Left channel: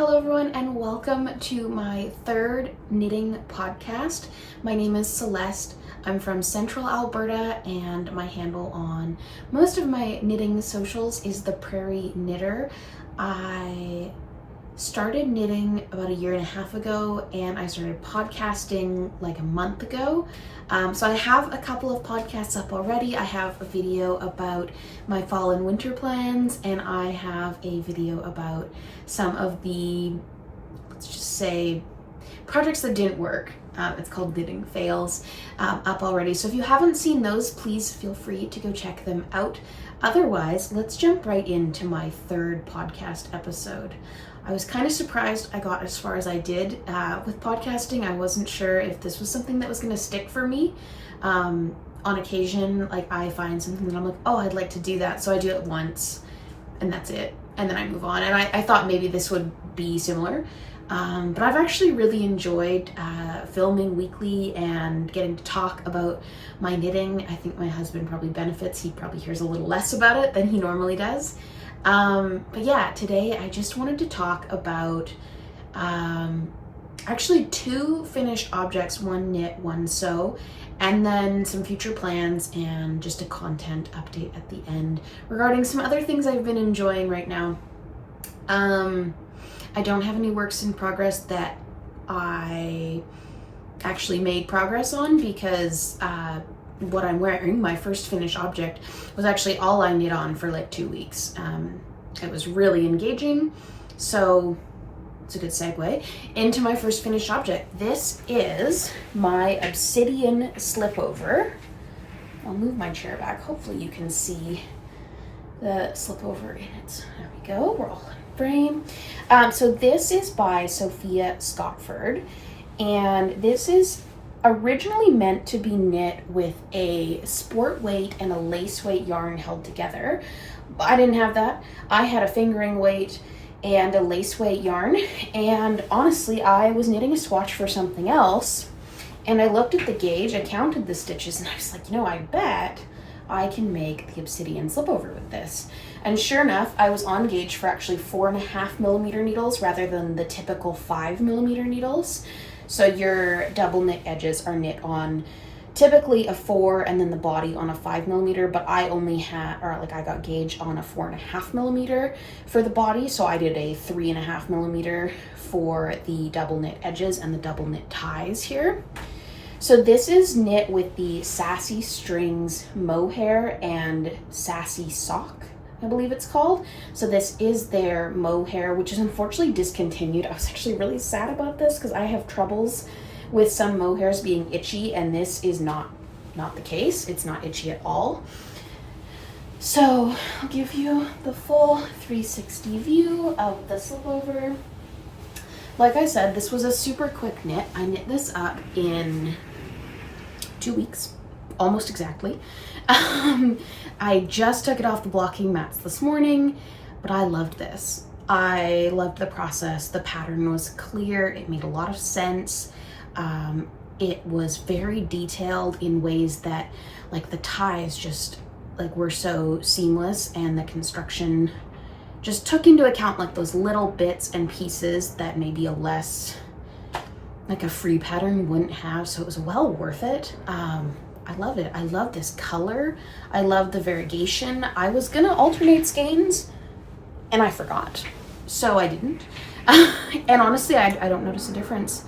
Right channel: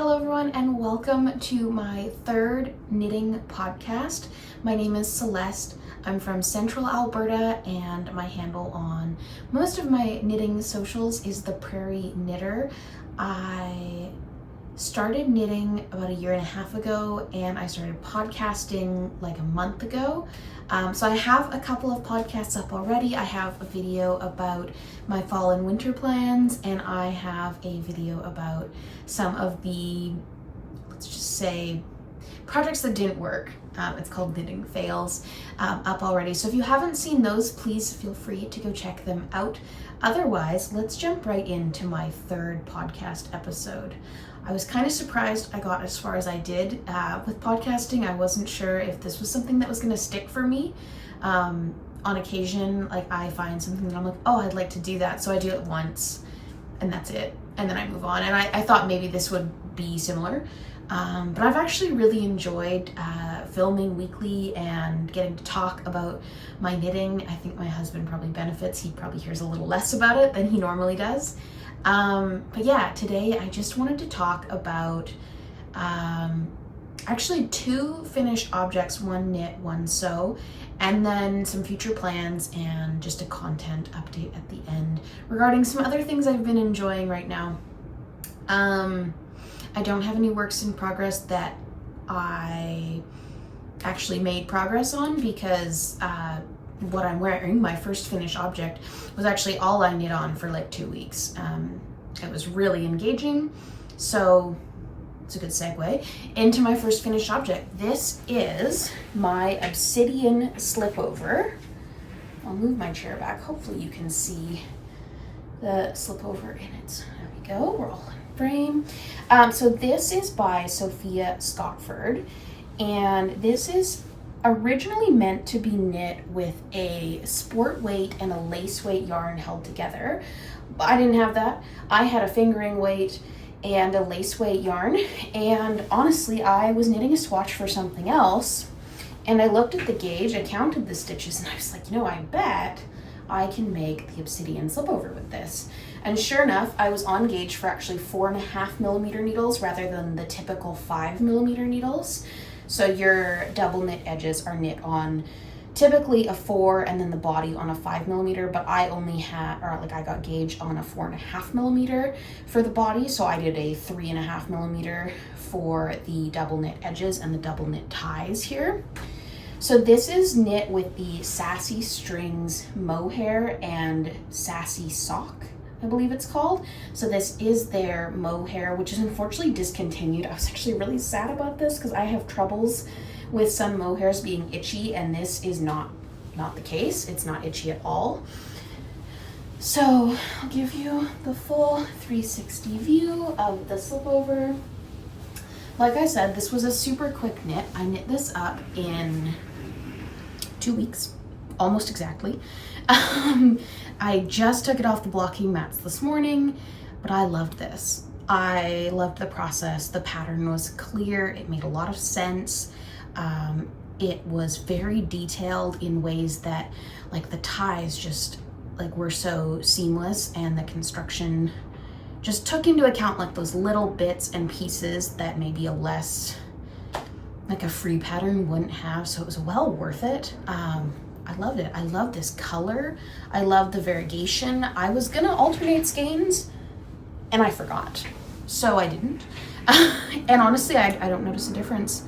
Hello everyone and welcome to my third knitting podcast. My name is Celeste. I'm from Central Alberta and my handle on most of my knitting socials is the Prairie Knitter. I started knitting about a year and a half ago and I started podcasting like a month ago. So I have a couple of podcasts up already. I have a video about my fall and winter plans and I have a video about some of the, let's just say, projects that didn't work. It's called Knitting Fails, up already. So if you haven't seen those, please feel free to go check them out. Otherwise, let's jump right into my third podcast episode. I was kind of surprised I got as far as I did with podcasting. I wasn't sure if this was something that was going to stick for me. On occasion, like I find something that I'm like, oh, I'd like to do that. So I do it once and that's it. And then I move on. And I thought maybe this would be similar. But I've actually really enjoyed filming weekly and getting to talk about my knitting. I think my husband probably benefits. He probably hears a little less about it than he normally does. But yeah, today I just wanted to talk about actually two finished objects, one knit, one sew, and then some future plans and just a content update at the end regarding some other things I've been enjoying right now. I don't have any works in progress that I actually made progress on because what I'm wearing, my first finished object, was actually all I knit on for like 2 weeks. It was really engaging, so it's a good segue into my first finished object. This is my Obsidian Slipover. I'll move my chair back. Hopefully you can see the slipover in it. There we go, we're all in frame. So this is by Sophia Scottford, and this is originally meant to be knit with a sport weight and a lace weight yarn held together. But I didn't have that. I had a fingering weight and a lace weight yarn, and honestly I was knitting a swatch for something else and I looked at the gauge, I counted the stitches, and I was like, I bet I can make the Obsidian Slipover with this. And sure enough, I was on gauge for actually 4.5mm needles rather than the typical 5mm needles. So your double knit edges are knit on typically a 4 and then the body on a 5mm, but I only had, I got gauge on a 4.5mm for the body. So I did a 3.5mm for the double knit edges and the double knit ties here. So this is knit with the Sassy Strings mohair and Sassy Sock, I believe it's called. So this is their mohair, which is unfortunately discontinued. I was actually really sad about this because I have troubles with some mohairs being itchy, and this is not the case. It's not itchy at all. So I'll give you the full 360 view of the slipover. Like I said, this was a super quick knit. I knit this up in 2 weeks, almost exactly. I just took it off the blocking mats this morning, but I loved this. I loved the process. The pattern was clear. It made a lot of sense. It was very detailed in ways that, like, the ties just were so seamless, and the construction just took into account like those little bits and pieces that maybe a less, like a free pattern wouldn't have. So it was well worth it. I loved it. I love this color. I love the variegation. I was gonna alternate skeins and I forgot, so I didn't. And honestly, I don't notice a difference.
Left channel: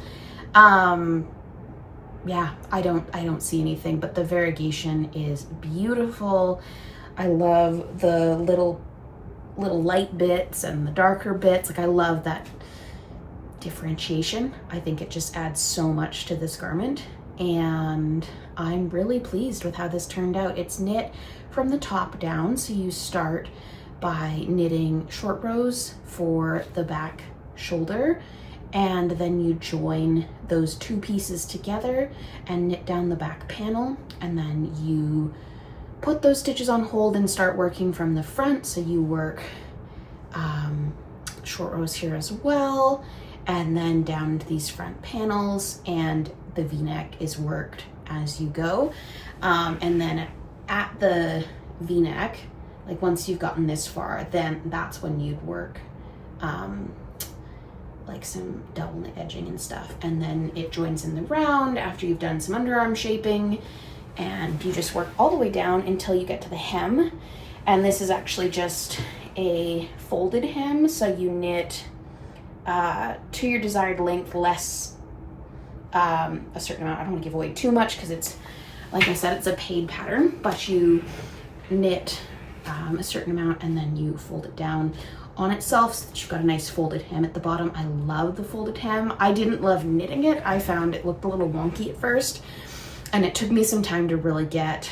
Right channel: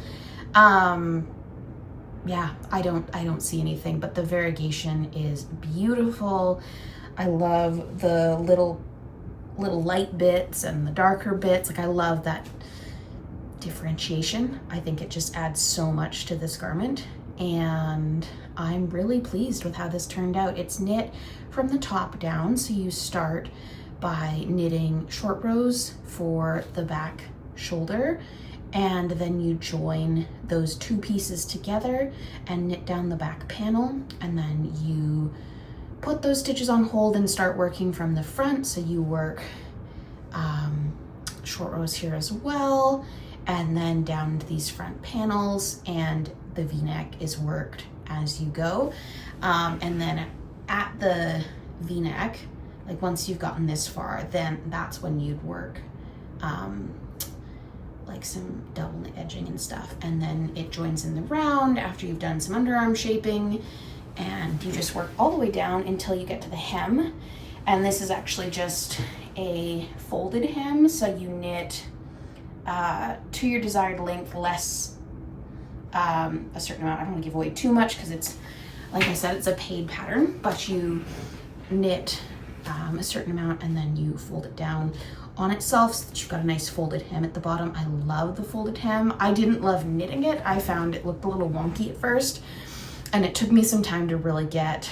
Yeah, I don't see anything, but the variegation is beautiful. I love the little light bits and the darker bits. Like, I love that differentiation. I think it just adds so much to this garment, and I'm really pleased with how this turned out. It's knit from the top down, so you start by knitting short rows for the back shoulder, and then you join those two pieces together and knit down the back panel, and then you put those stitches on hold and start working from the front. So you work short rows here as well, and then down to these front panels, and the V-neck is worked as you go. And then at the V-neck, like once you've gotten this far, then that's when you'd work like some double knit edging and stuff. And then it joins in the round after you've done some underarm shaping, and you just work all the way down until you get to the hem. And this is actually just a folded hem, so you knit to your desired length, less a certain amount. I don't want to give away too much because it's, like I said, it's a paid pattern, but you knit a certain amount and then you fold it down on itself so that you've got a nice folded hem at the bottom. I love the folded hem. I didn't love knitting it. I found it looked a little wonky at first, and it took me some time to really get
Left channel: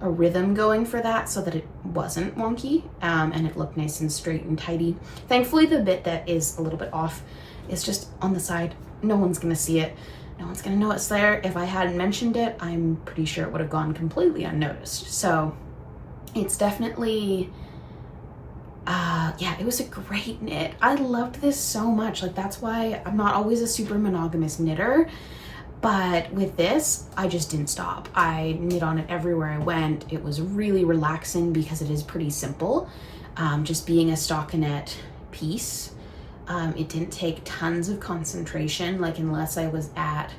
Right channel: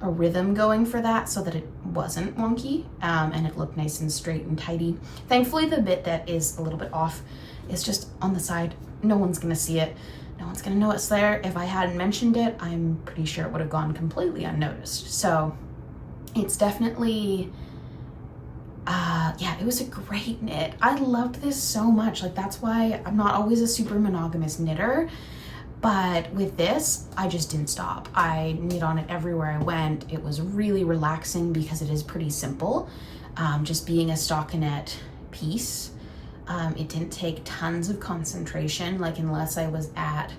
a rhythm going for that so that it wasn't wonky, and it looked nice and straight and tidy. Thankfully, the bit that is a little bit off is just on the side. No one's gonna see it. No one's gonna know it's there. If I hadn't mentioned it, I'm pretty sure it would have gone completely unnoticed. So it's definitely, yeah, it was a great knit. I loved this so much. Like, that's why I'm not always a super monogamous knitter, but with this, I just didn't stop. I knit on it everywhere I went. It was really relaxing because it is pretty simple. Just being a stockinette piece, it didn't take tons of concentration, like unless I was at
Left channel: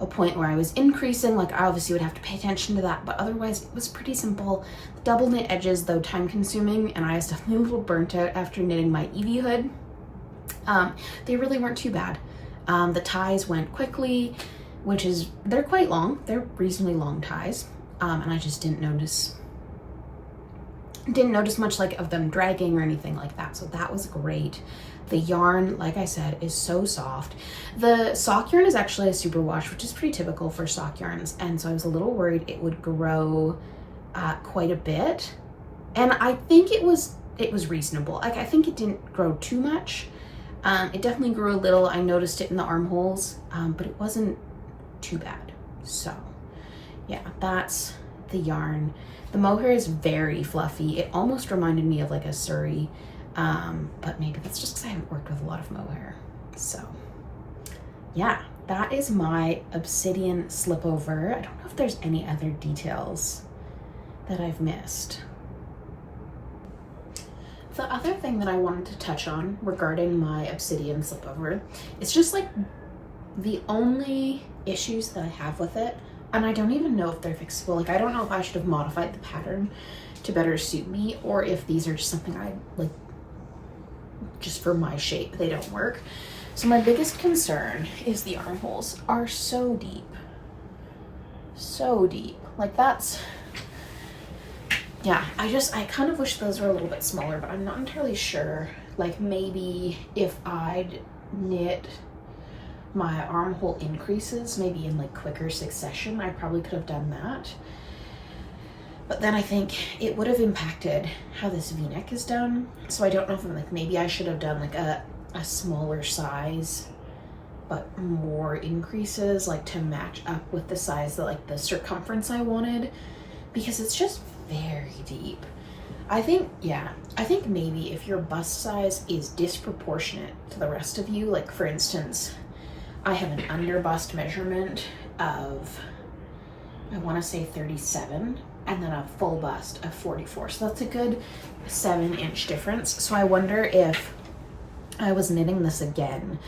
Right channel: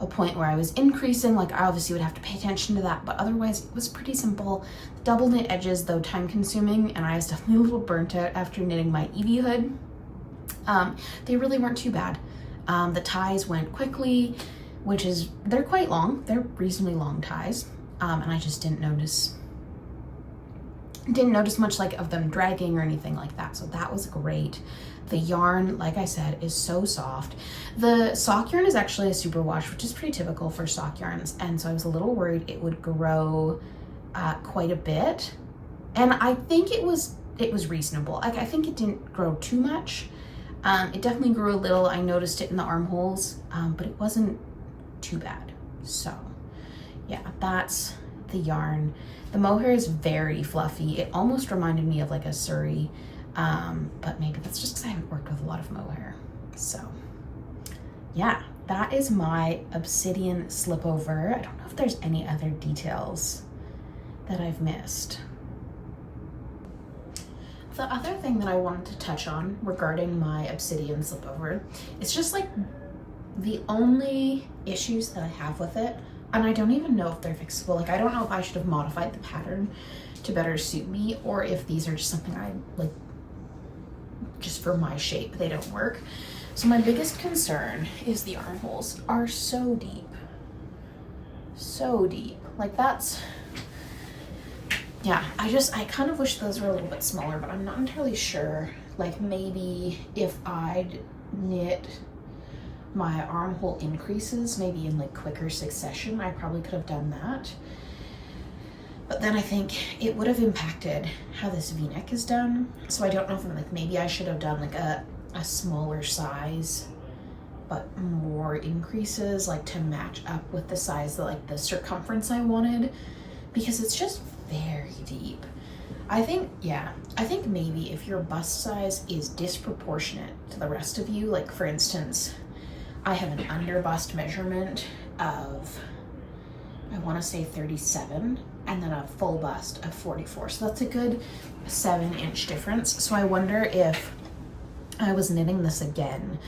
a point where I was increasing, like I obviously would have to pay attention to that, but otherwise it was pretty simple. The double knit edges, though time consuming, and I was definitely a little burnt out after knitting my Evie hood, they really weren't too bad. The ties went quickly, which is, they're quite long. They're reasonably long ties, and I just didn't notice much like of them dragging or anything like that, so that was great. The yarn, like I said, is so soft. The sock yarn is actually a superwash, which is pretty typical for sock yarns, and so I was a little worried it would grow quite a bit, and I think it was reasonable. Like, I think it didn't grow too much. It definitely grew a little. I noticed it in the armholes, but it wasn't too bad. So yeah, that's the yarn. The mohair is very fluffy. It almost reminded me of like a Surrey, but maybe that's just because I haven't worked with a lot of mohair. So yeah, that is my Obsidian Slipover. I don't know if there's any other details that I've missed. The other thing that I wanted to touch on regarding my Obsidian Slipover is just like the only issues that I have with it, and I don't even know if they're fixable. Like, I don't know if I should have modified the pattern to better suit me, or if these are just something I like just for my shape, they don't work. So my biggest concern is the armholes are so deep. So deep. Like, that's, yeah, I kind of wish those were a little bit smaller, but I'm not entirely sure. Like, maybe if I'd knit my armhole increases maybe in like quicker succession, I probably could have done that. But then I think it would have impacted how this V-neck is done. So I don't know if I'm like, maybe I should have done like a smaller size, but more increases, like to match up with the size that like the circumference I wanted, because it's just very deep. I think, yeah, I think maybe if your bust size is disproportionate to the rest of you, like for instance, I have an under bust measurement of, I want to say 37, and then a full bust of 44. So that's a good 7-inch difference. So I wonder if I was knitting this again,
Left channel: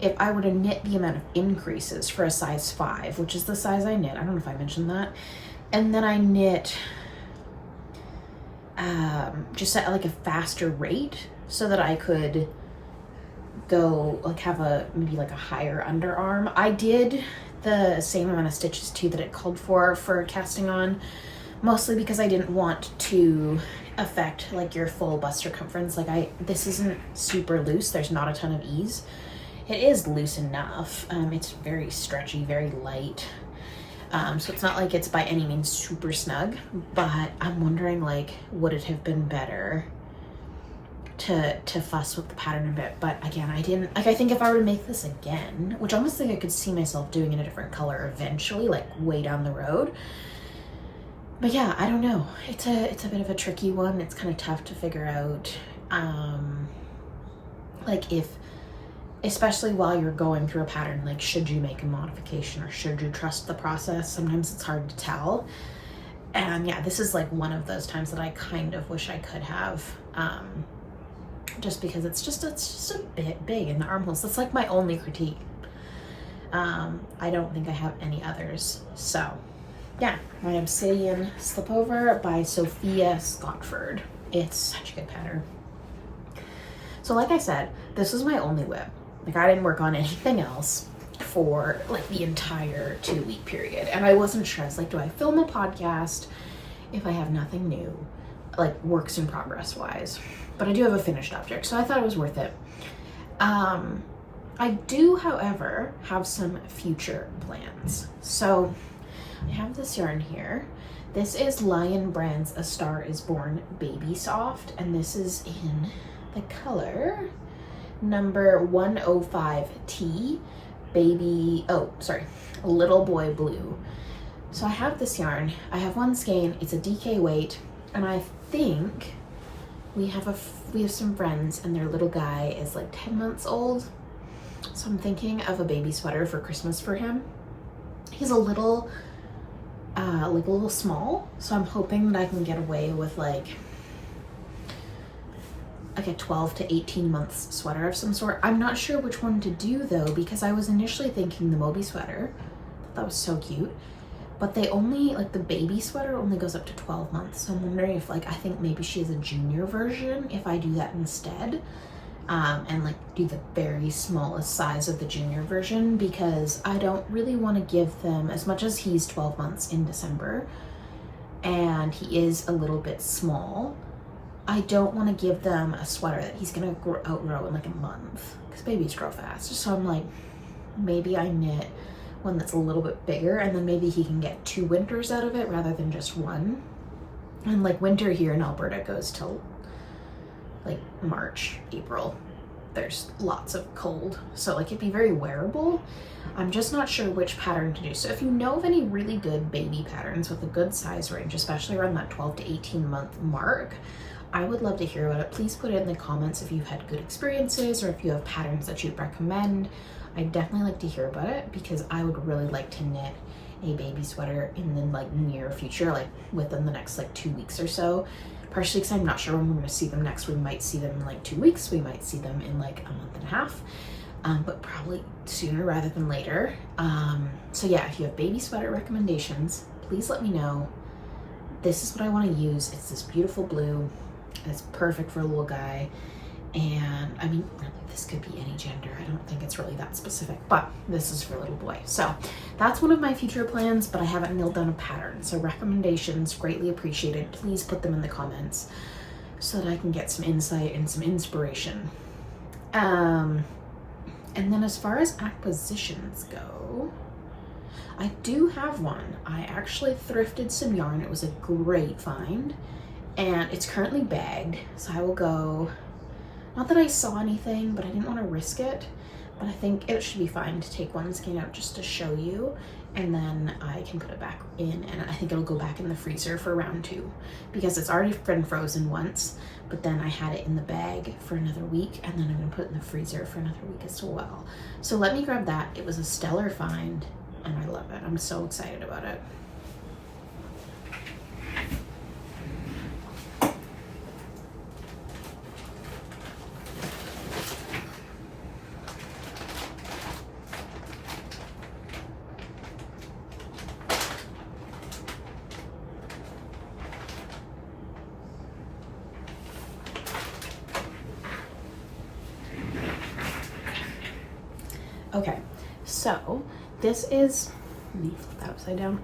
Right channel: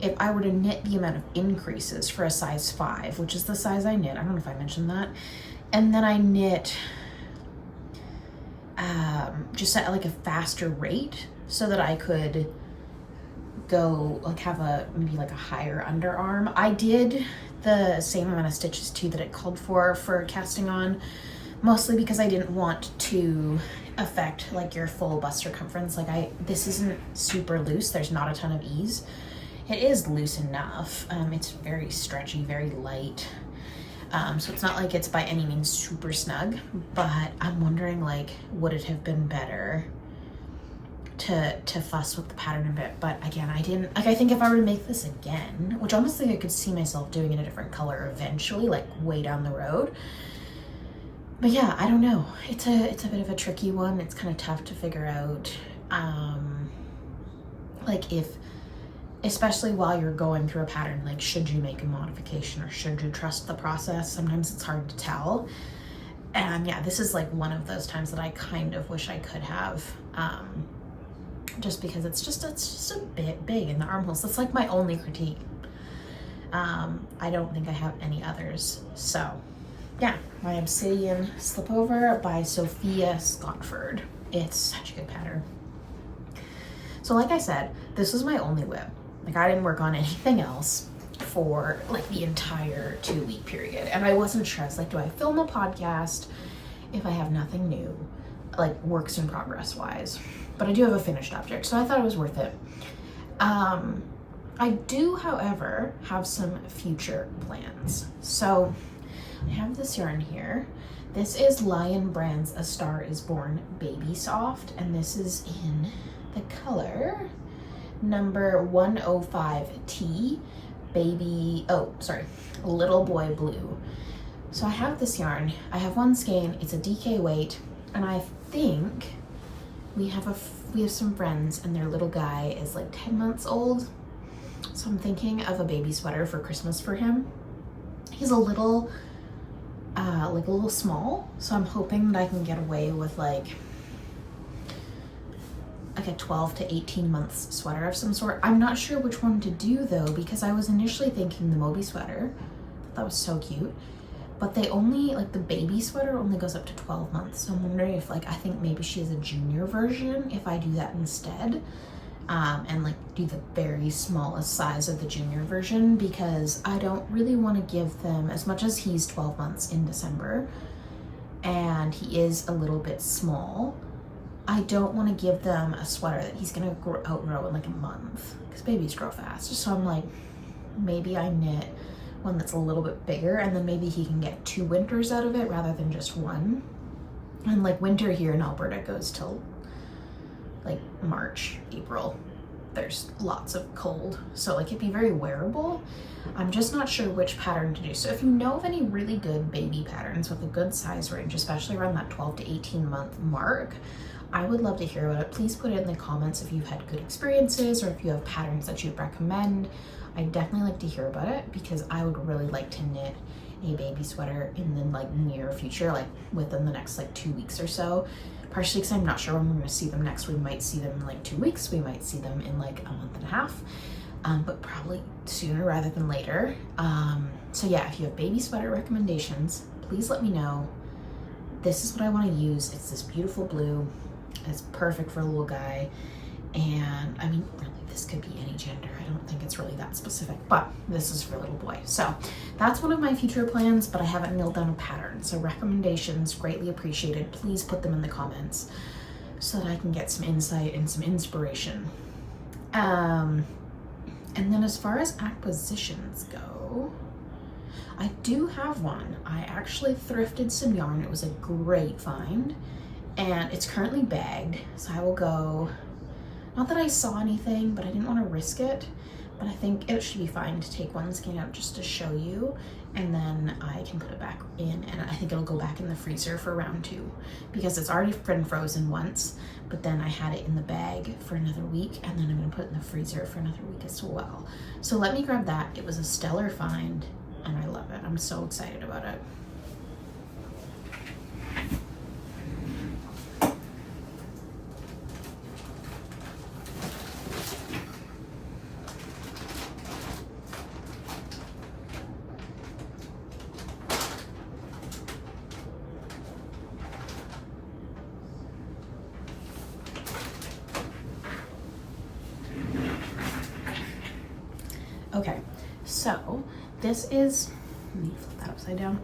if I were to knit the amount of increases for a size 5, which is the size I knit, I don't know if I mentioned that, and then I knit just at like a faster rate so that I could go like have a maybe like a higher underarm. I did the same amount of stitches too that it called for casting on, mostly because I didn't want to affect like your full bust circumference. Like this isn't super loose, there's not a ton of ease. It is loose enough. It's very stretchy, very light. So it's not like it's by any means super snug, but I'm wondering, like, would it have been better to fuss with the pattern a bit? But again, I didn't, like, I think if I were to make this again, which honestly I could see myself doing in a different color eventually, like way down the road. But yeah, I don't know. It's a bit of a tricky one. It's kind of tough to figure out, like if, especially while you're going through a pattern, like should you make a modification or should you trust the process? Sometimes it's hard to tell. And yeah, this is like one of those times that I kind of wish I could have just because it's just a bit big in the armholes. That's like my only critique. I don't think I have any others. So yeah, my Obsidian Slipover by Sophia Scottford. It's such a good pattern. So like I said, this was my only whip. Like I didn't work on anything else for like the entire 2-week period. And I wasn't sure. I was like, do I film a podcast if I have nothing new, like works in progress wise? But I do have a finished object, so I thought it was worth it. I do, however, have some future plans. So I have this yarn here. This is Lion Brand's A Star Is Born Baby Soft, and this is in the color number 105T, Little Boy Blue. So I have this yarn. I have one skein. It's a DK weight, and I think we have some friends, and their little guy is like 10 months old. So I'm thinking of a baby sweater for Christmas for him. He's a little small, so I'm hoping that I can get away with like a 12 to 18 months sweater of some sort. I'm not sure which one to do though, because I was initially thinking the Moby sweater. I thought that was so cute, but they only, like the baby sweater only goes up to 12 months. So I'm wondering if I think maybe she has a junior version, if I do that instead. And like do the very smallest size of the junior version, because I don't really want to give them, as much as he's 12 months in December and he is a little bit small, I don't want to give them a sweater that he's gonna outgrow in like a month, because babies grow fast. So I'm like, maybe I knit one that's a little bit bigger, and then maybe he can get 2 winters out of it rather than just one. And like winter here in Alberta goes till like March, April. There's lots of cold, so like it'd be very wearable. I'm just not sure which pattern to do. So if you know of any really good baby patterns with a good size range, especially around that 12 to 18 month mark, I would love to hear about it. Please put it in the comments if you've had good experiences, or if you have patterns that you'd recommend. I'd definitely like to hear about it, because I would really like to knit a baby sweater in the like near future, like within the next like 2 weeks or so. Partially because I'm not sure when we're going to see them next. We might see them in like 2 weeks. We might see them in like a month and a half, but probably sooner rather than later. So yeah, if you have baby sweater recommendations, please let me know. This is what I want to use. It's this beautiful blue. It's perfect for a little guy. And I mean, really, this could be any gender. I don't think it's really that specific, but this is for a little boy. So that's one of my future plans, but I haven't nailed down a pattern. So recommendations, greatly appreciated. Please put them in the comments so that I can get some insight and some inspiration. And then as far as acquisitions go, I do have one. I actually thrifted some yarn. It was a great find, and it's currently bagged. So I will go, not that I saw anything, but I didn't want to risk it, but I think it should be fine to take one skein out just to show you, and then I can put it back in, and I think it'll go back in the freezer for round 2, because it's already been frozen once, but then I had it in the bag for another week, and then I'm going to put it in the freezer for another week as well. So let me grab that. It was a stellar find, and I love it. I'm so excited about it. Okay, so this is, let me flip that upside down.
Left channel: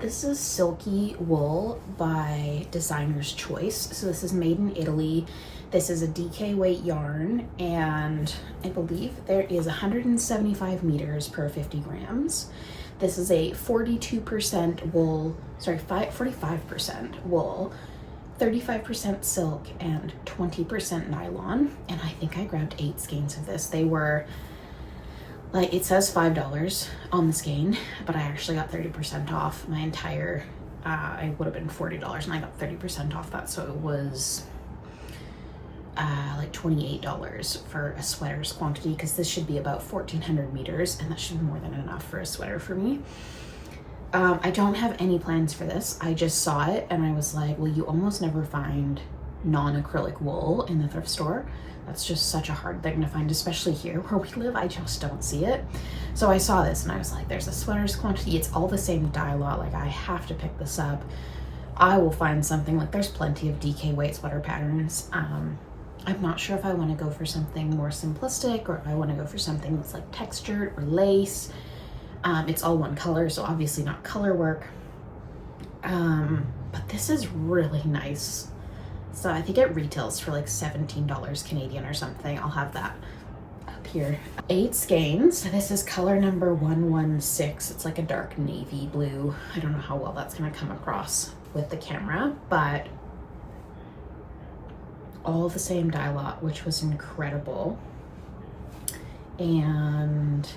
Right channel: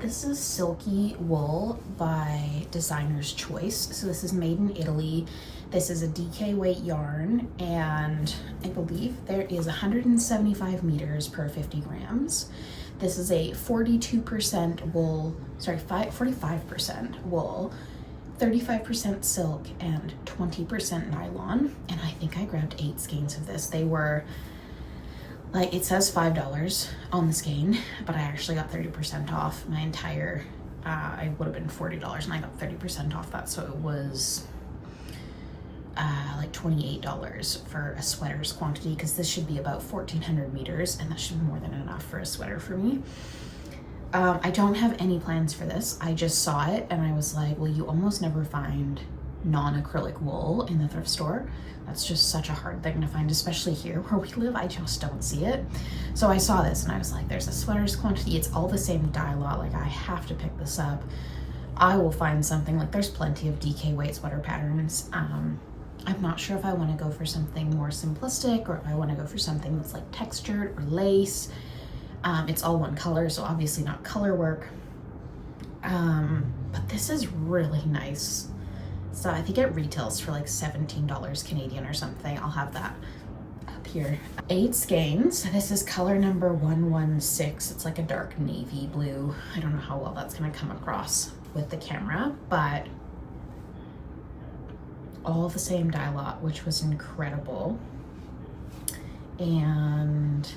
This is Silky Wool by Designer's Choice. So this is made in Italy. This is a DK weight yarn, and I believe there is 175 meters per 50 grams. This is a 42% wool, sorry, 45% wool, 35% silk, and 20% nylon. And I think I grabbed 8 skeins of this. They were, like, it says $5 on the skein, but I actually got 30% off my entire, I would have been $40, and I got 30% off that, so it was like $28 for a sweater's quantity, because this should be about 1,400 meters, and that should be more than enough for a sweater for me. I don't have any plans for this. I just saw it, and I was like, well, you almost never find non-acrylic wool in the thrift store. That's just such a hard thing to find, especially here where we live. I just don't see it. So I saw this and I was like, there's a sweaters quantity. It's all the same dye lot. Like, I have to pick this up. I will find something. Like, there's plenty of DK weight sweater patterns. I'm not sure if I want to go for something more simplistic or if I want to go for something that's like textured or lace. It's all one color, so obviously not color work. But this is really nice. So I think it retails for like $17 Canadian or something. I'll have that up here. 8 skeins. This is color number 116. It's like a dark navy blue. I don't know how well that's gonna come across with the camera, but all the same dye lot, which was incredible. And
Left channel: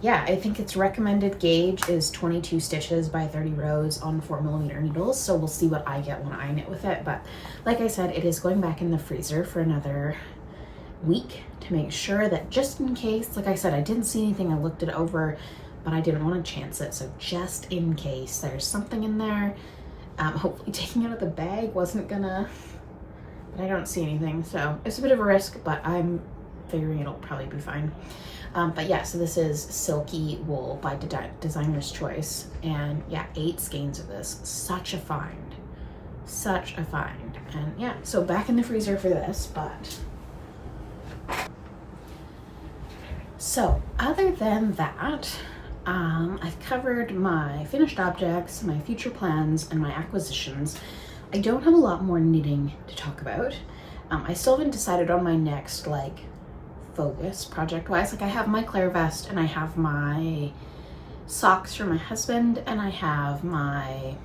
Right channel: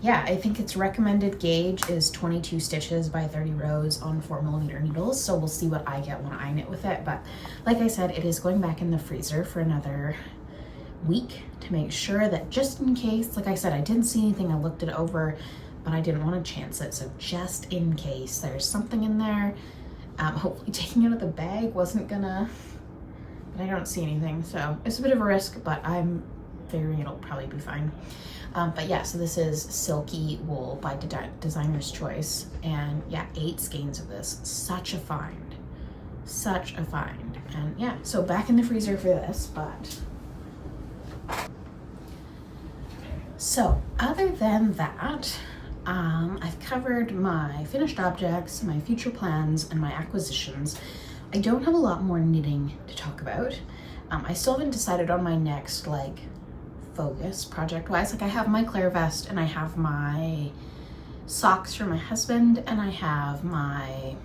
yeah, I think its recommended gauge is 22 stitches by 30 rows on 4mm needles. So we'll see what I get when I knit with it. But like I said, it is going back in the freezer for another week to make sure that just in case, like I said, I didn't see anything. I looked it over, but I didn't want to chance it. So just in case there's something in there, hopefully taking it out of the bag wasn't gonna, but I don't see anything. So it's a bit of a risk, but I'm figuring it'll probably be fine. But yeah, so this is Silky Wool by Designer's Choice. And yeah, 8 skeins of this. Such a find. Such a find. And yeah, so back in the freezer for this, but. So other than that, I've covered my finished objects, my future plans, and my acquisitions. I don't have a lot more knitting to talk about. I still haven't decided on my next, like, focus project-wise. Like, I have my Claire vest, and I have my socks for my husband, and I have my,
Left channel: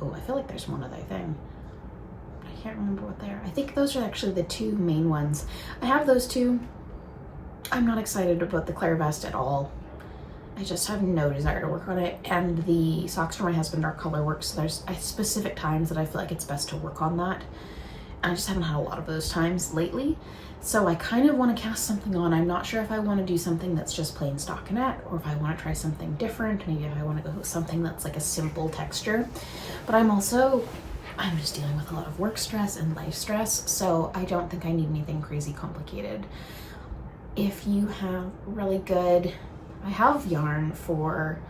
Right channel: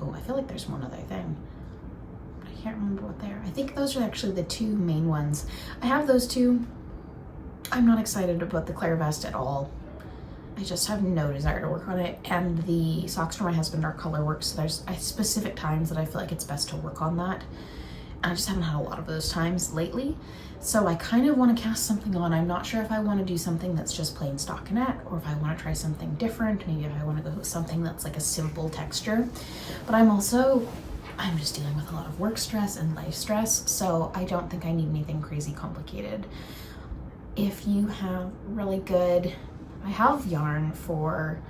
oh, I feel like there's one other thing. I can't remember what they are. I think those are actually the 2 main ones. I have those 2. I'm not excited about the Claire vest at all. I just have no desire to work on it. And the socks for my husband are color work, so there's specific times that I feel like it's best to work on that. And I just haven't had a lot of those times lately. So I kind of want to cast something on. I'm not sure if I want to do something that's just plain stockinette or if I want to try something different. Maybe if I want to go with something that's like a simple texture. But I'm just dealing with a lot of work stress and life stress. So I don't think I need anything crazy complicated. If you have really good, I have yarn for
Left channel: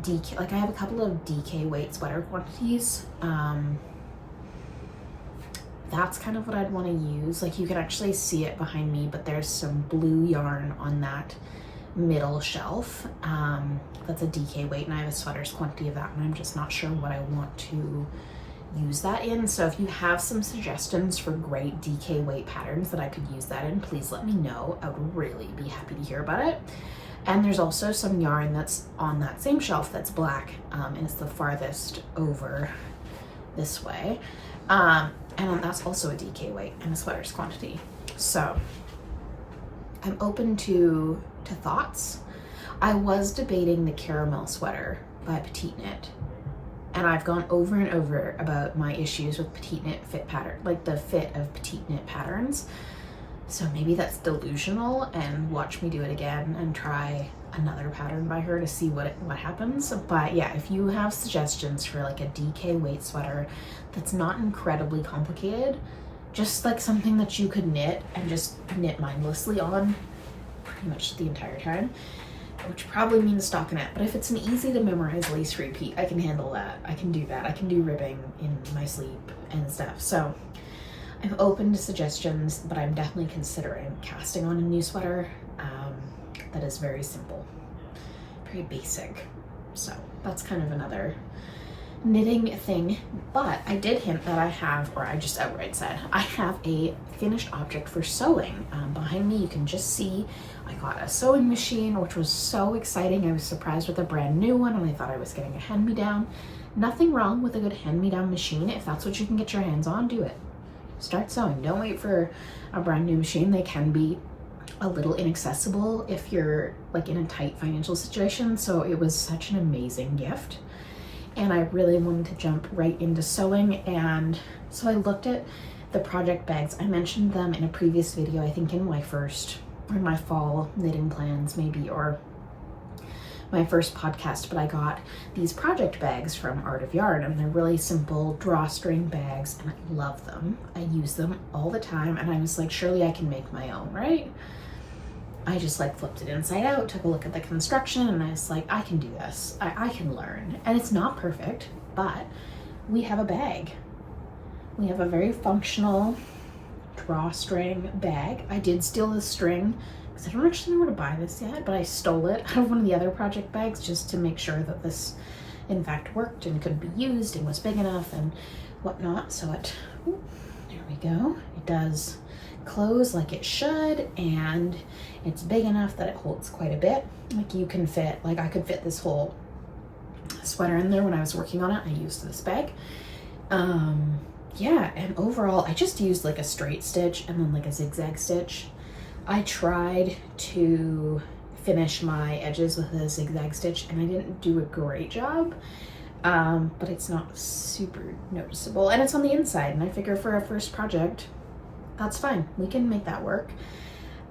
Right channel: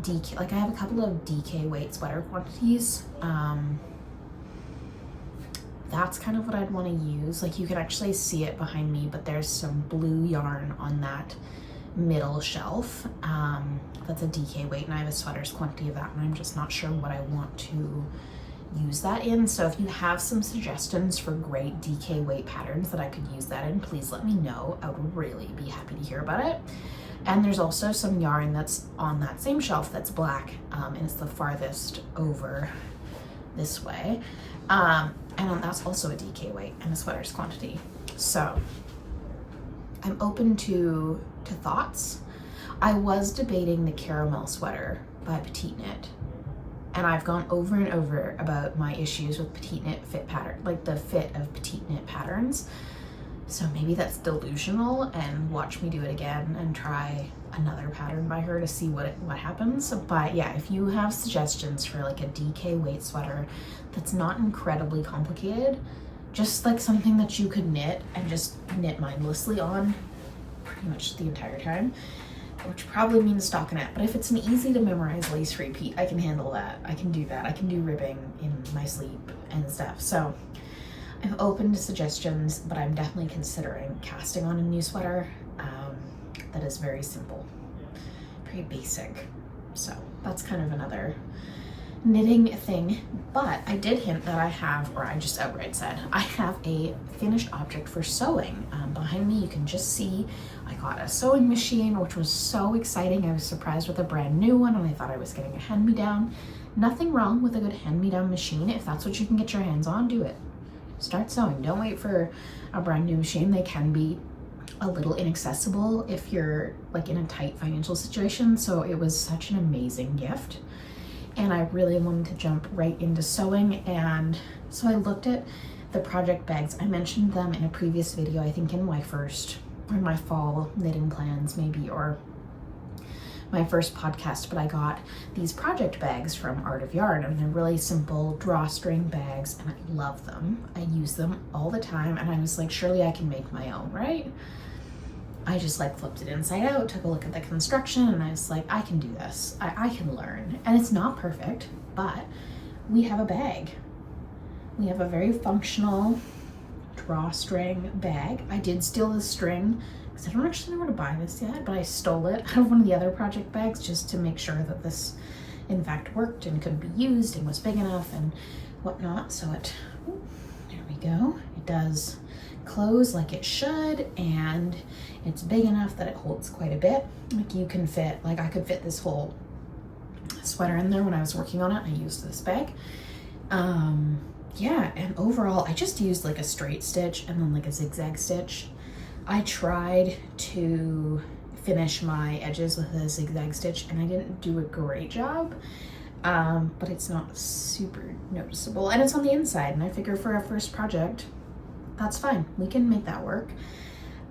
DK, like I have a couple of DK weight sweater quantities. That's kind of what I'd want to use. Like, you can actually see it behind me, but there's some blue yarn on that middle shelf. That's a DK weight, and I have a sweaters quantity of that, and I'm just not sure what I want to use that in. So if you have some suggestions for great DK weight patterns that I could use that in, please let me know. I would really be happy to hear about it. And there's also some yarn that's on that same shelf that's black, and it's the farthest over this way. And that's also a DK weight and a sweaters quantity. So I'm open to thoughts. I was debating the caramel sweater by Petite Knit, and I've gone over and over about my issues with Petite Knit fit pattern, like the fit of Petite Knit patterns. So maybe that's delusional, and watch me do it again and try another pattern by her to see what happens. But yeah, if you have suggestions for like a DK weight sweater that's not incredibly complicated, just like something that you could knit and just knit mindlessly on pretty much the entire time, which probably means stockinette. But if it's an easy to memorize lace repeat, I can handle that. I can do that. I can do ribbing in my sleep and stuff. So I'm open to suggestions, but I'm definitely considering casting on a new sweater that is very simple, very basic. So that's kind of another knitting thing. But I did hint that I have, or I just outright said, I have a finished object for sewing. Behind me, you can just see I got a sewing machine, which was so exciting. I was surprised with a brand new one, and I thought I was getting a hand-me-down. Nothing wrong with a good hand-me-down machine. If that's what you can get your hands on, do it. Start sewing. Don't wait for a brand new machine. They can be a little inaccessible if you're like in a tight financial situation. So it was such an amazing gift, and I really wanted to jump right into sewing. And so I looked at the project bags. I mentioned them in a previous video, I think in my fall knitting plans maybe, or my first podcast, but I got these project bags from Art of Yarn, and they're really simple drawstring bags, and I love them. I use them all the time, and I was like, surely I can make my own, right? I just like flipped it inside out, took a look at the construction, and I was like, I can do this. I can learn. And it's not perfect, but we have a bag. We have a very functional drawstring bag. I did steal the string because I don't actually know where to buy this yet, but I stole it out of one of the other project bags just to make sure that this in fact worked and could be used and was big enough and whatnot. So there we go. It does close like it should, and it's big enough that it holds quite a bit. Like you can fit, like I could fit this whole sweater in there when I was working on it. I used this bag. Yeah, and overall I just used like a straight stitch and then like a zigzag stitch. I tried to finish my edges with a zigzag stitch and I didn't do a great job, but it's not super noticeable, and it's on the inside, and I figure for a first project that's fine, we can make that work.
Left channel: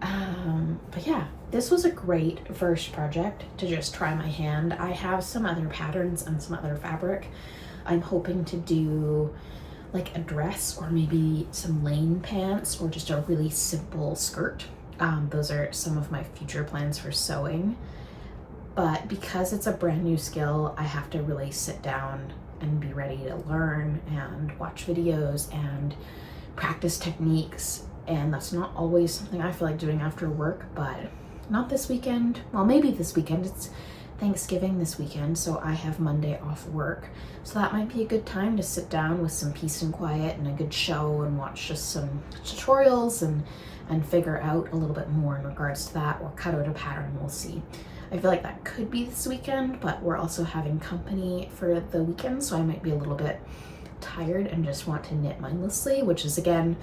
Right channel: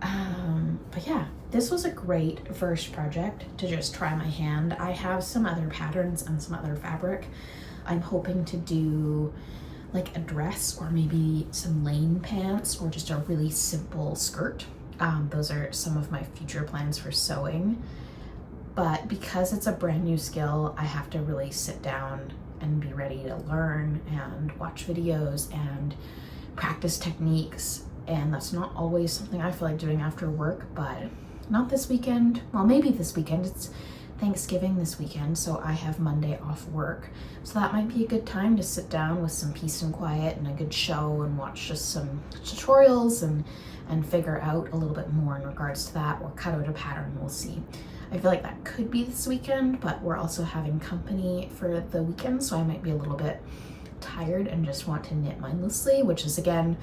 But yeah, this was a great first project to just try my hand. I have some other patterns and some other fabric. I'm hoping to do like a dress or maybe some lane pants or just a really simple skirt. Those are some of my future plans for sewing. But because it's a brand new skill, I have to really sit down and be ready to learn and watch videos and practice techniques. And that's not always something I feel like doing after work, but not this weekend. Well, maybe this weekend. It's Thanksgiving this weekend, so I have Monday off work. So that might be a good time to sit down with some peace and quiet and a good show and watch just some tutorials and figure out a little bit more in regards to that, or cut out a pattern. We'll see. I feel like that could be this weekend, but we're also having company for the weekend, so I might be a little bit tired and just want to knit mindlessly, which is again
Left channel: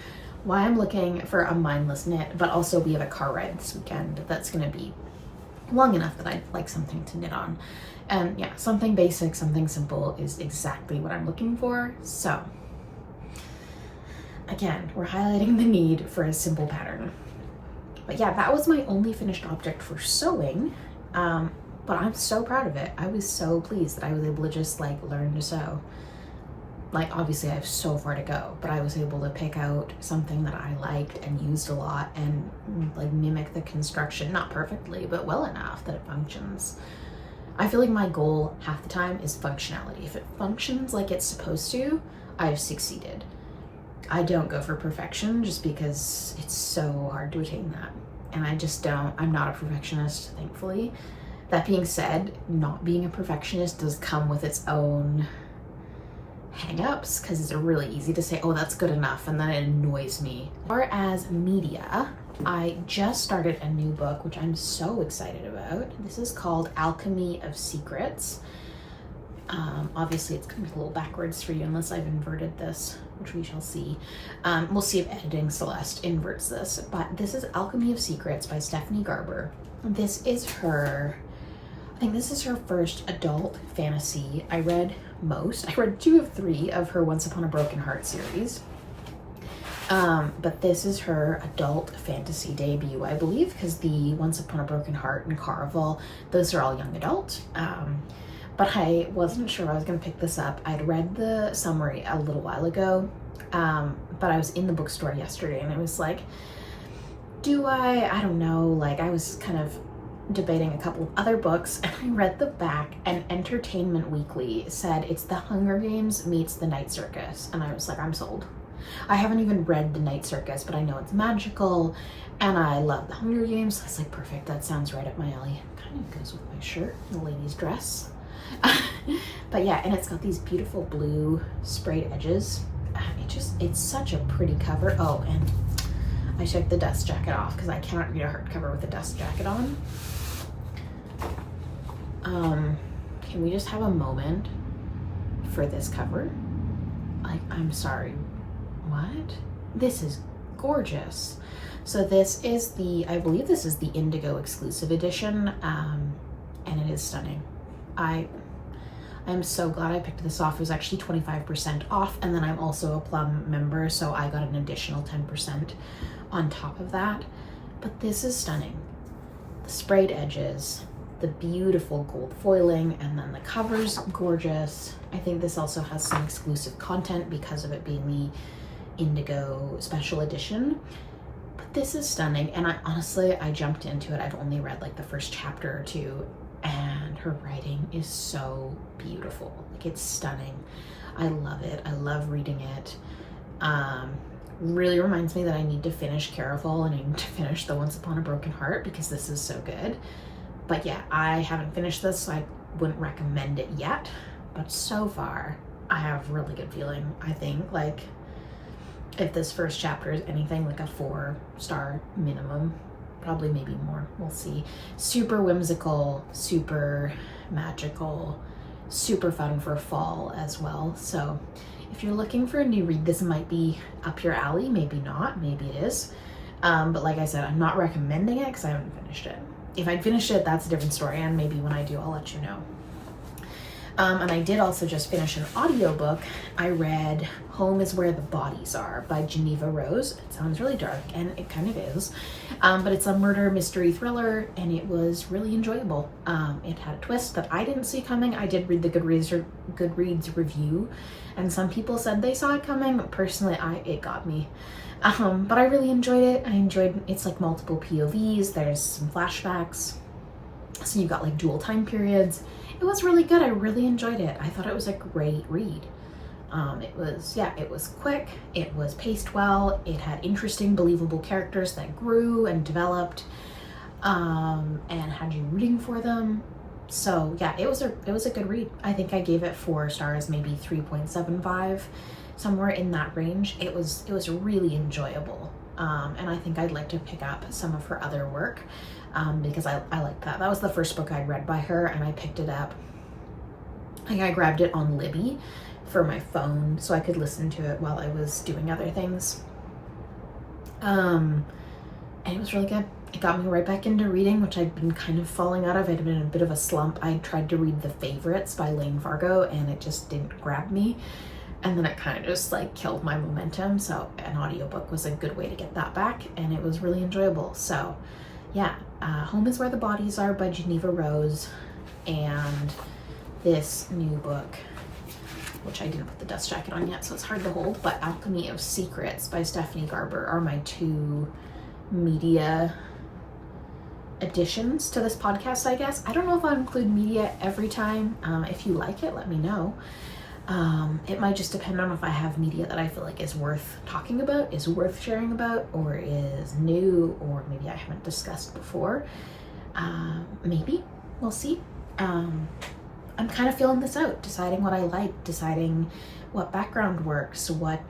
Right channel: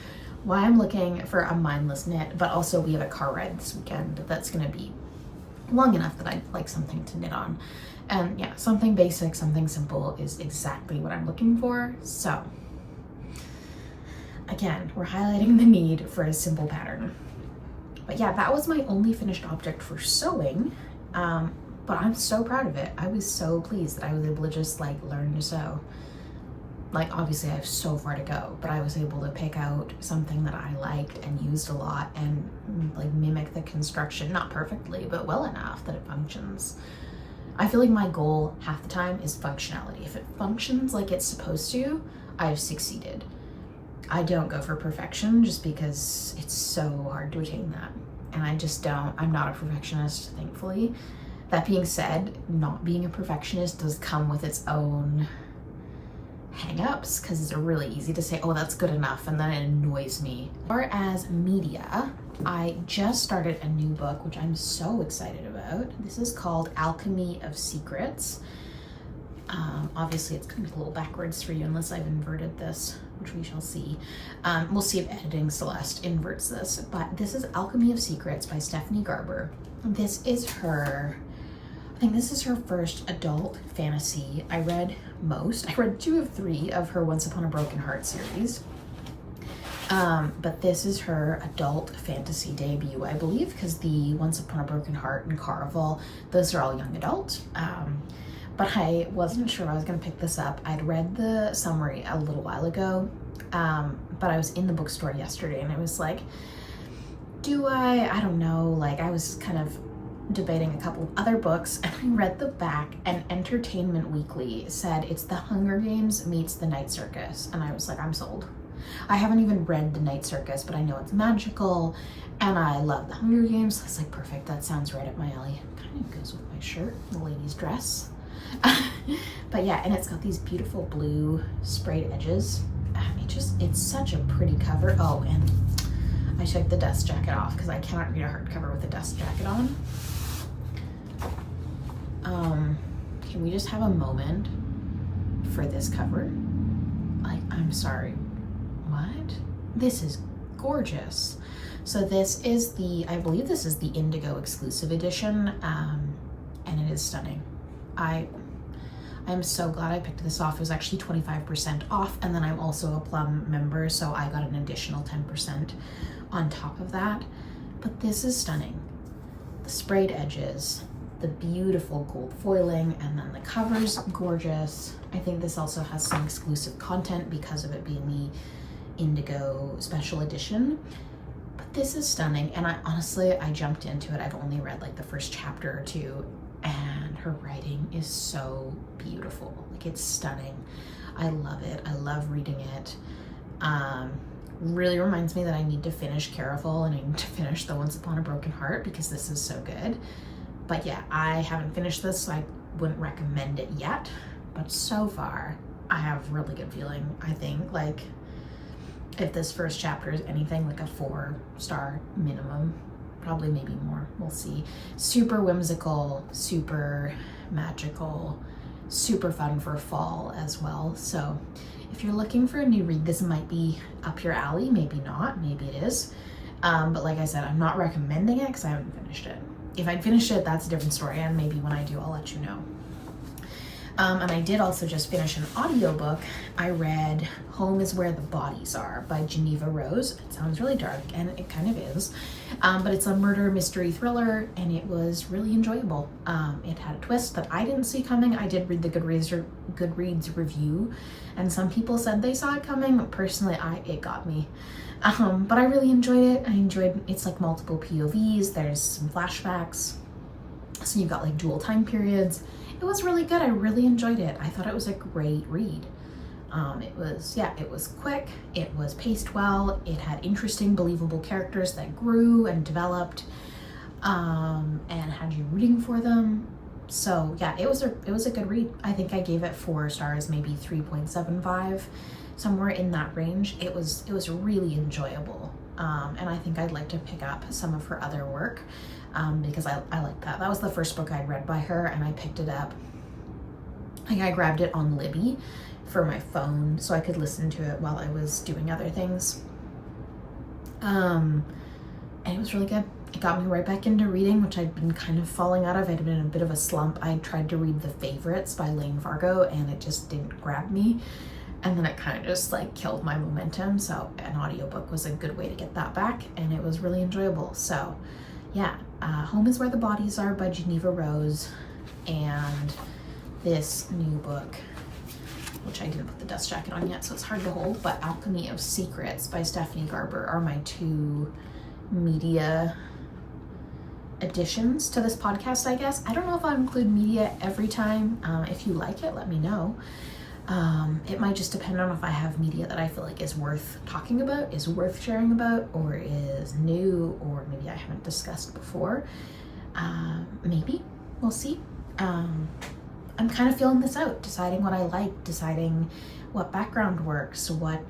why I'm looking for a mindless knit. But also we have a car ride this weekend that's going to be long enough that I'd like something to knit on. And yeah, something basic, something simple is exactly what I'm looking for. So again, we're highlighting the need for a simple pattern. But yeah, that was my only finished object for sewing. But I'm so proud of it. I was so pleased that I was able to just like learn to sew. Like obviously I have so far to go, but I was able to pick out something that I liked and used a lot and like mimic the construction, not perfectly, but well enough that it functions. I feel like my goal half the time is functionality. If it functions like it's supposed to, I've succeeded. I don't go for perfection just because it's so hard to attain that. And I just don't, I'm not a perfectionist, thankfully. That being said, not being a perfectionist does come with its own hang-ups, because it's really easy to say, oh, that's good enough, and then it annoys me. As far as media, I just started a new book, which I'm so excited about. This is called Alchemy of Secrets. Obviously it's gonna be a little backwards for you unless I've inverted this, which we shall see. We'll see if editing Celeste inverts this, but this is Alchemy of Secrets by Stephanie Garber. This is her, I think this is her first adult fantasy. I read 2 of 3 of her Once Upon a Broken Heart series. But this is her adult fantasy debut, I believe, because the Once Upon a Broken Heart and Caraval, those are all young adult. But I wasn't sure I was gonna pick this up. I'd read the summary a little while ago, but I was in the bookstore yesterday and I was like, I don't know, like I was kind of debating a couple of other books, and I read the back, and Entertainment Weekly said it's The Hunger Games meets The Night Circus, and I was like, I'm sold. I haven't even read The Night Circus, but I know it's magical, and I love The Hunger Games. I was like, perfect, that sounds right up my alley. Kind of goes with my shirt, the lady's dress. But yeah, and it's got these beautiful blue sprayed edges. It's such a pretty cover. Oh, and I took the dust jacket off because I cannot read a hardcover with a dust jacket on. Can we just have a moment for this cover? Like, I'm sorry, what? This is gorgeous. So this is I believe this is the Indigo exclusive edition, and it is stunning. I'm so glad I picked this off. It was actually 25% off, and then I'm also a Plum member, so I got an additional 10% on top of that. But this is stunning. The sprayed edges, the beautiful gold foiling, and then the cover's gorgeous. I think this also has some exclusive content because of it being the Indigo special edition. But this is stunning, and I jumped into it. I've only read like the first chapter or two, and her writing is so beautiful. Like, it's stunning. I love it. I love reading it. Really reminds me that I need to finish Caraval, and I need to finish the Once Upon a Broken Heart because this is so good. But yeah, I haven't finished this, so I wouldn't recommend it yet. But so far, I have really good feeling. I think, like, if this first chapter is anything like a 4-star minimum, probably maybe more, we'll see. Super whimsical, super magical, super fun for fall as well. So if you're looking for a new read, this might be up your alley. Maybe not, maybe it is. But like I said, I'm not recommending it because I haven't finished it. If I'd finished it, that's a different story, and maybe when I do, I'll let you know. And I did also just finish an audiobook. I read Home is Where the Bodies Are by Geneva Rose. It sounds really dark, and it kind of is. But it's a murder mystery thriller, and it was really enjoyable. It had a twist that I didn't see coming. I did read the Goodreads review, and some people said they saw it coming, but personally, it got me. But I really enjoyed it. It's like multiple POVs. There's some flashbacks. So you've got like dual time periods. It was really good. I really enjoyed it. I thought it was a great read. It was quick. It was paced well. It had interesting, believable characters that grew and developed, and had you rooting for them. So yeah, it was a good read. I think I gave it 4 stars, maybe 3.75, somewhere in that range. It was really enjoyable. And I think I'd like to pick up some of her other work, because I like that. That was the first book I'd read by her, and I picked it up. I grabbed it on Libby for my phone so I could listen to it while I was doing other things. And it was really good. It got me right back into reading, which I'd been kind of falling out of. I'd been in a bit of a slump. I tried to read The Favorites by Lane Fargo, and it just didn't grab me. And then it kind of just like killed my momentum. So an audiobook was a good way to get that back, and it was really enjoyable. So yeah, Home is Where the Bodies Are by Geneva Rose, and this new book, which I didn't put the dust jacket on yet, so it's hard to hold, but Alchemy of Secrets by Stephanie Garber are my 2 media additions to this podcast, I guess. I don't know if I'll include media every time. If you like it, let me know. It might just depend on if I have media that I feel like is worth talking about, is worth sharing about, or is new, or maybe I haven't discussed before. Maybe, we'll see. I'm kind of feeling this out, deciding what I like, deciding what background works, what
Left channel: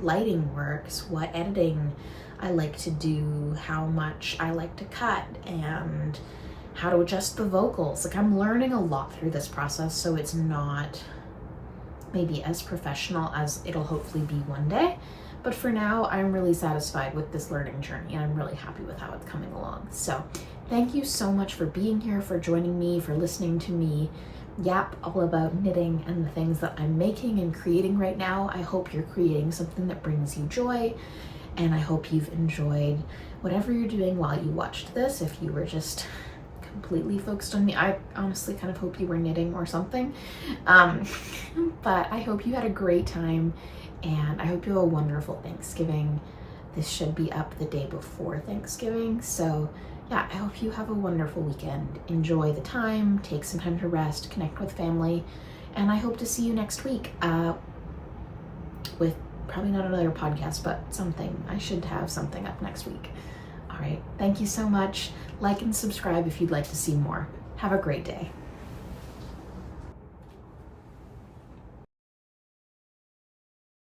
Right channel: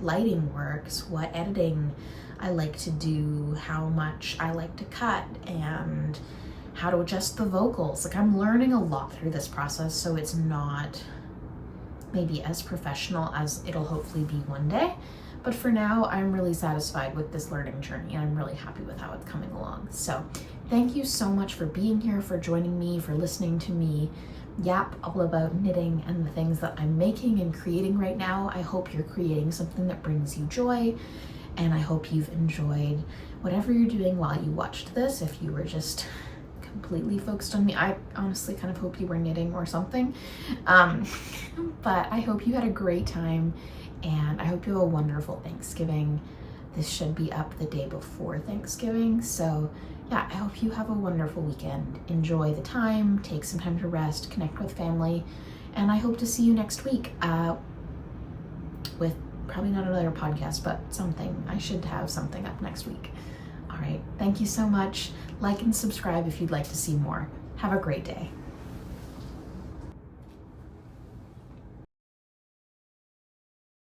lighting works, what editing I like to do, how much I like to cut, and how to adjust the vocals. Like, I'm learning a lot through this process, so it's not maybe as professional as it'll hopefully be one day. But for now, I'm really satisfied with this learning journey, and I'm really happy with how it's coming along. So thank you so much for being here, for joining me, for listening to me yap all about knitting and the things that I'm making and creating right now. I hope you're creating something that brings you joy, and I hope you've enjoyed whatever you're doing while you watched this. If you were just completely focused on me, I honestly kind of hope you were knitting or something. But I hope you had a great time, and I hope you have a wonderful Thanksgiving. This should be up the day before Thanksgiving, so yeah, I hope you have a wonderful weekend. Enjoy the time, take some time to rest, connect with family, and I hope to see you next week with probably not another podcast, but something. I should have something up next week. All right, thank you so much. Like and subscribe if you'd like to see more. Have a great day.